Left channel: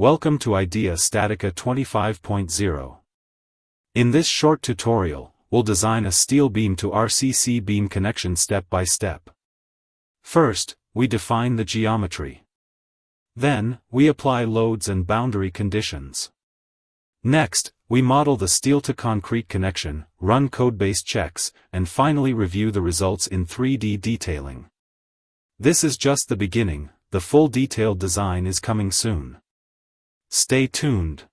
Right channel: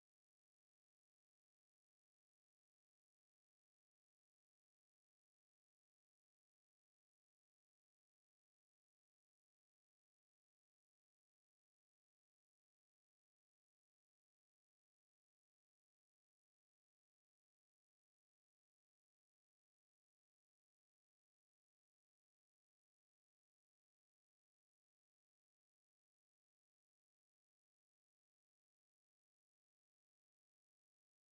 Welcome to StatiCa 25.0. In this short tutorial, we'll design a steel beam to RCC beam connection step by step. First, we define the geometry. Then, we apply loads and boundary conditions. Next, we model the steel-to-concrete connection, run code-based checks, and finally review the results in 3D detailing. This is just the beginning, the full detailed design is coming soon. Stay tuned.